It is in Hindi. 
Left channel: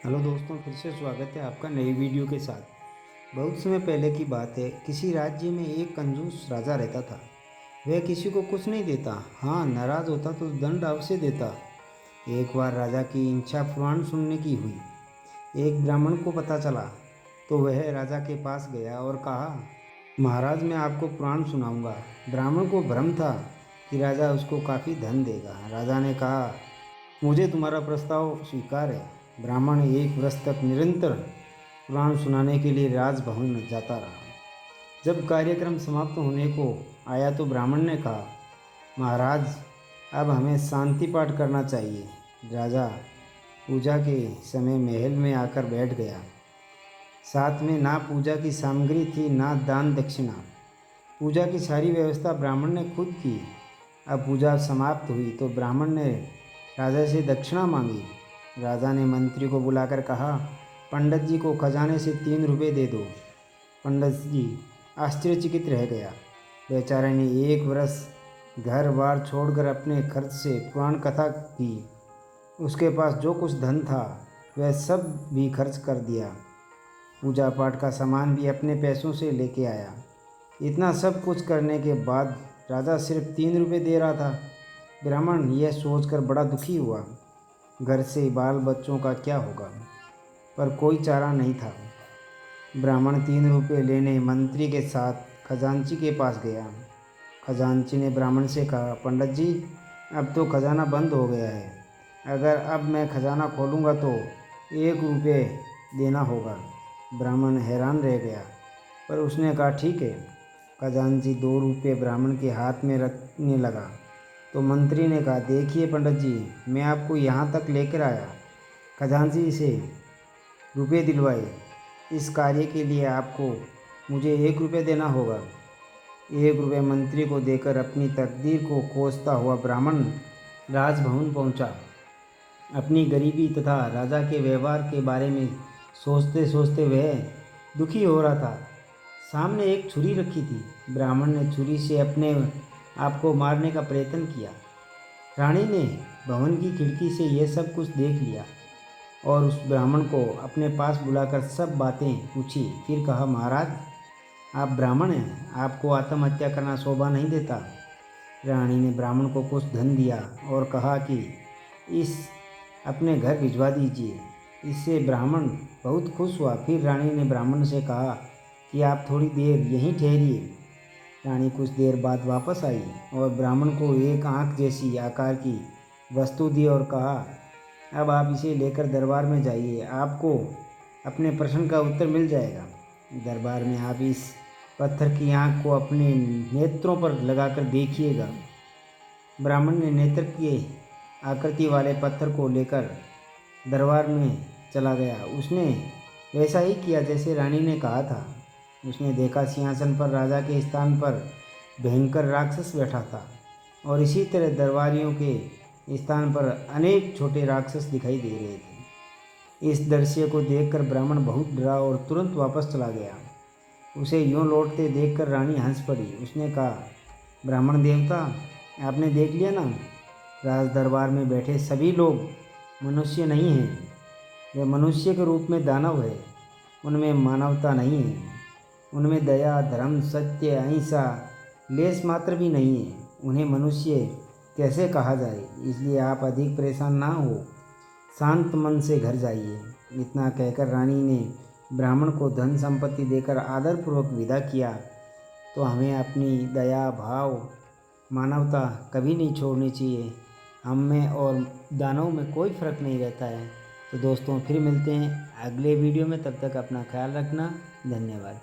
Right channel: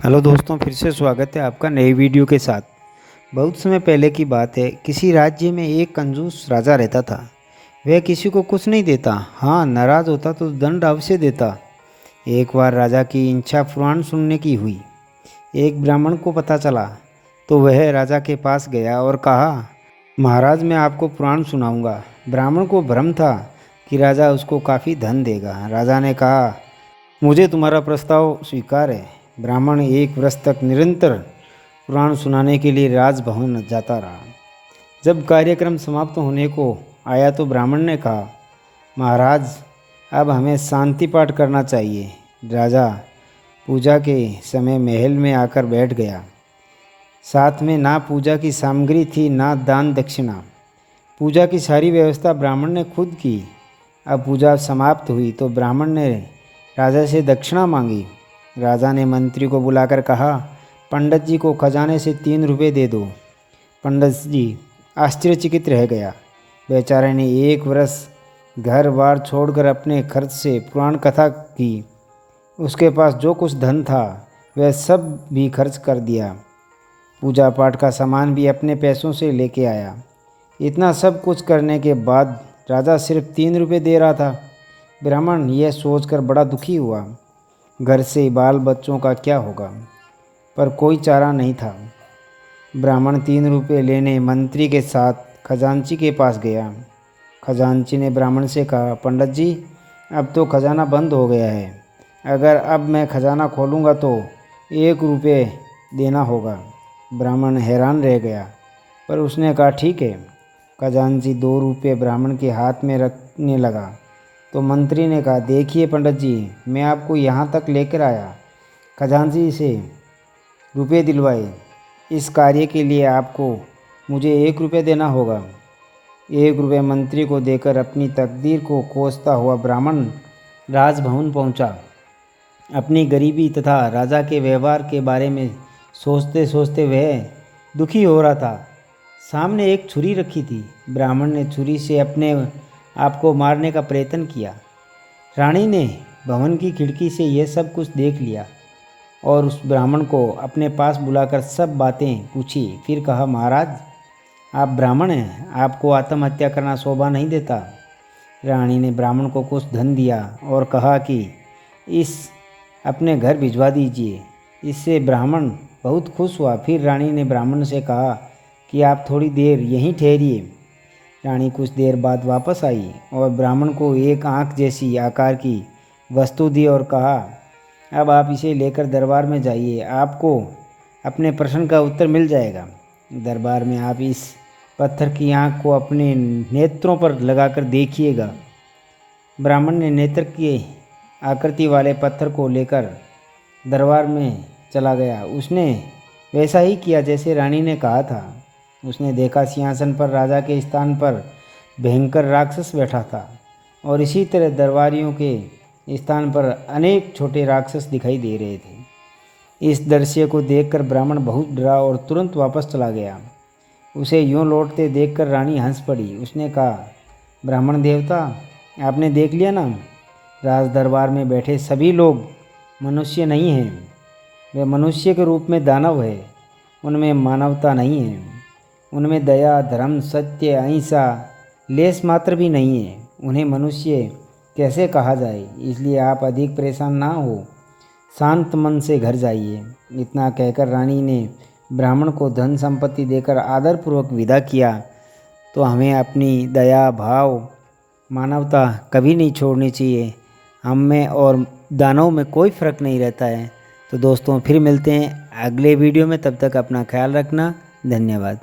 हेलो दोस्तों, फिर से स्वागत है आपका नई वीडियो के साथ। बहुत समय पहले की बात है। किसी राज्य में एक कंजूस राजा रहता था। वह किसी को कुछ नहीं देता, हाँ नाराज़ होता तो दंड अवश्य देता। एक बार राजा की इच्छा पुराण सुनने की हुई। एक ब्राह्मण को पता चला तो वह राजा के पास गया और कहा, महाराज मैं आपको पुराण सुनाऊंगा। ब्राह्मण को भ्रम था कि राजा उसको काफ़ी धन देगा। राजा ने कहा, मुझे तुम्हारा प्रस्ताव स्वीकार है। ब्राह्मण एक वर्ष तक निरंतर पुराण सुनाने के लिए राजभवन जाता रहा। जब कार्यक्रम समाप्त होने को आया तो ब्राह्मण ने कहा, महाराज अब हमें शांति पाठ करना चाहिए। राजा पूजा के समय महल में आकर बैठ गया। साथ में ना पूजा की सामग्री थी ना दान दक्षिणा। पूजा की सारी व्यवस्था ब्राह्मण ने खुद की। अब पूजा समाप्त हुई तो ब्राह्मण ने राजा से दक्षिणा मांगी। राजा ने मंत्री को बुलाकर कहा, पंडित जी को खजाने से 3 रुपये दे दो। पंडित जी आश्चर्यचकित रह गया। बेचारे ने 1 वर्ष घर बार छोड़कर अपने खर्च से पुराण कथा की। उसके पास जो कुछ धन था वह सब भी खर्च कर दिया। पूजा पाठ का सामान भी अपने पैसों से लेके आया। इतना सब कुछ करने के बाद राजा सिर्फ 3 रुपये दे रहा था। ब्राह्मण यह सोचकर बड़ा दुखी हुआ। घर से बाल बच्चों का क्या होगा, पर कोई चारा नहीं था। ब्राह्मण 3 रुपये लेने मंत्री के साथ खजांची के पास गया। खजांची ने ब्राह्मण से कहा, पंडित जी अब तो खजाना बंद हो गया है। अगर अब मैं खजाना खोलूँगा तो 1 रुपये देना होगा। ब्राह्मण हैरान रह गया, पर उसने कहा, ठीक है। खजांची 2 रुपये ब्राह्मण के हाथ में रखने लगा तो मंत्री ने कहा, देखिए पंडित जी मैं आपको यहाँ तक लेकर आया, खजांची से रुपये दिलवाए। इस कार्य के लिए आपको मुझे 1 रुपये देना होगा। 1 रुपये मंत्री को देकर अपनी तकदीर को कोसता हुआ ब्राह्मण राजभवन पहुँचा। अपनी गरीबी तथा राजा के व्यवहार के बारे में सोचते सोचते वह दुखी हो रहा था। सामने एक छुरी रखी थी। ब्राह्मण ने छुरी से अपने आपको मारने का प्रयत्न किया। रानी ने भवन की खिड़की से यह सब कुछ देख लिया और उस ब्राह्मण को अपने पास बुलाकर सब बातें पूछी। फिर कहा, महाराज आप ब्राह्मण हैं, आपको आत्महत्या करना शोभा नहीं देता। रानी ने ब्राह्मण को कुछ धन दिया और कहा कि इस अपने घर भिजवा दीजिए। इससे ब्राह्मण बहुत खुश हुआ। फिर रानी ने ब्राह्मण से कहा कि आप थोड़ी देर यहीं ठहरिए। रानी कुछ देर बाद वापस आई और ब्राह्मण को एक आँख जैसी आकार की वस्तु दी और कहा, अब आप इसे लेकर दरबार में जाइए, आपको अपने प्रश्न का उत्तर मिल जाएगा। दरबार में आप इस पत्थर की आँख को अपने नेत्रों पर लगाकर देखिएगा। ब्राह्मण ने नेत्र की आकृति वाले पत्थर को लेकर दरबार में चला गया। उसने वैसा ही किया जैसे रानी ने कहा था। उसने देखा सिंहासन पर राजा के स्थान पर भयंकर राक्षस बैठा था और इसी तरह दरबारियों के स्थान पर अनेक छोटे राक्षस दिखाई दे रहे थे। इस दृश्य को देखकर ब्राह्मण बहुत डरा और तुरंत वापस चला गया। उसे यूं लौटते देखकर रानी हंस पड़ी। उसने कहा, ब्राह्मण देवता आपने देख लिया ना, राज दरबार में बैठे सभी लोग मनुष्य नहीं हैं। वे मनुष्य के रूप में दानव है। उनमें मानवता नहीं है। उनमें दया धर्म सत्य अहिंसा लेस मात्र भी नहीं है। उन्हें मनुष्य कैसे कहा जाए। इसलिए आप अधिक परेशान ना हो, शांत मन से घर जाइए। इतना कहकर रानी ने ब्राह्मण को धन संपत्ति देकर आदरपूर्वक विदा किया। तो हमें अपनी दया भाव मानवता कभी नहीं छोड़नी चाहिए। हम में और दानव में कोई फ़र्क नहीं रहता है। तो दोस्तों फिर मिलते हैं अगले वीडियो में, तब तक अपना ख्याल रखना। धन्यवाद।